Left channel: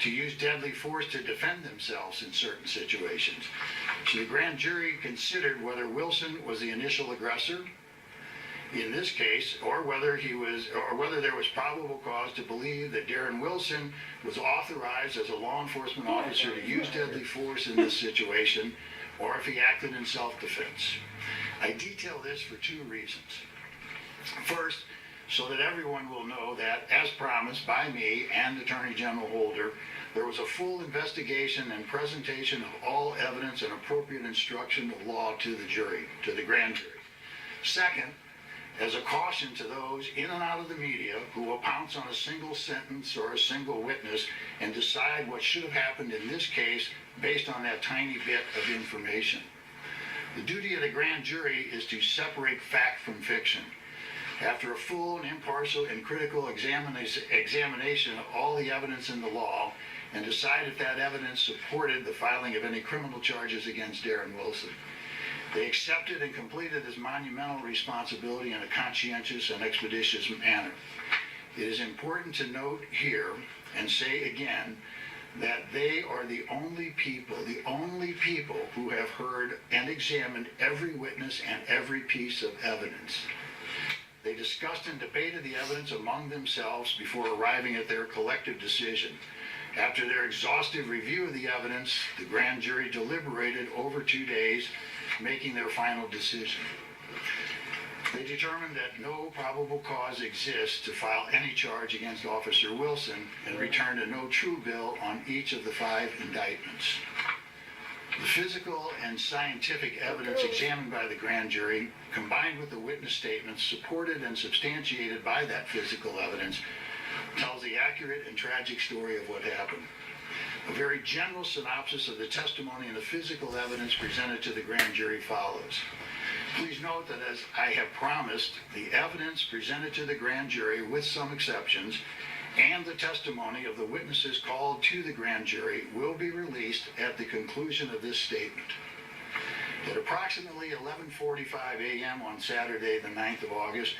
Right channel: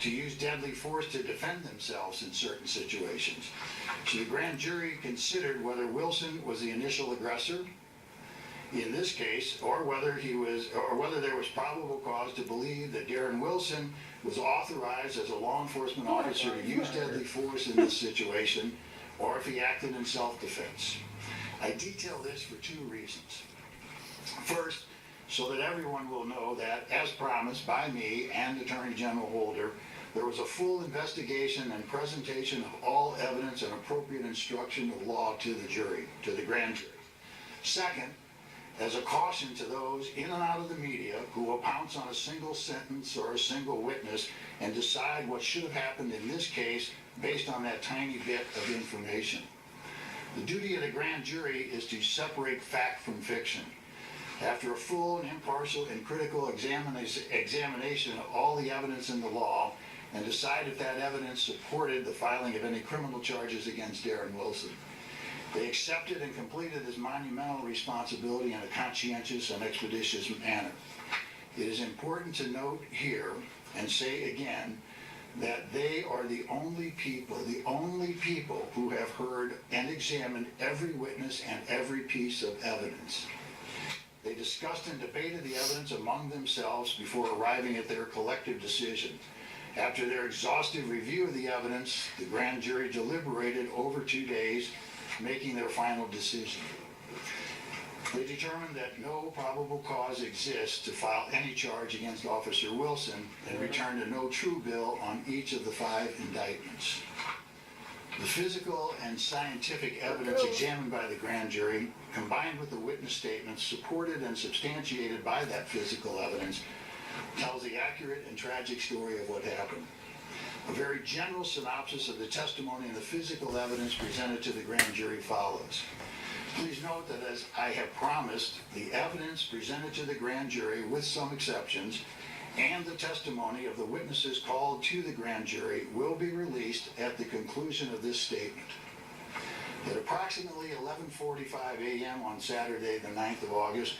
to use deadly force to defend themselves in certain situations. So the grand jury considered whether Wilson was the initial aggressor in this case, or whether there was probable cause to believe that Darren Wilson was authorized as a law enforcement officer to use deadly force in this situation, or if he acted in self-defense. I detail this for two reasons. First, so that everyone will know that, as promised by me and Attorney General Holder, there was a full investigation and presentation of all evidence and appropriate instruction of law to the jury, to the grand jury. Second, as a caution to those in and out of the media who will pounce on a single sentence or a single witness and decide what should have happened in this case based on that tiny bit of information. The duty of the grand jury is to separate fact from fiction. After a full and impartial and critical examination of all the evidence in the law, and decide if that evidence supported the filing of any criminal charges against Darren Wilson. They accepted and completed this monumental responsibility in a conscientious and expeditious manner. It is important to note here, and say again, that they are the only people who have heard and examined every witness and every piece of evidence. They discussed and debated the evidence among themselves before arriving at their collective decision. After their exhaustive review of the evidence, the grand jury deliberated over 2 days, making their final decision. They determined that no probable cause exists to file any charge against Officer Wilson and returned a no true bill on each of the 5 indictments. The physical and scientific evidence examined by the grand jury, combined with the witness statements supported and substantiated by that physical evidence, tells the accurate and tragic story of what happened. A very general synopsis of the testimony and the physical evidence presented to the grand jury follows. Please note that, as I have promised, the evidence presented to the grand jury, with some exceptions, and the testimony of the witnesses called to the grand jury will be released at the conclusion of this statement. At approximately 11:45 a.m. on Saturday, the 9th of August,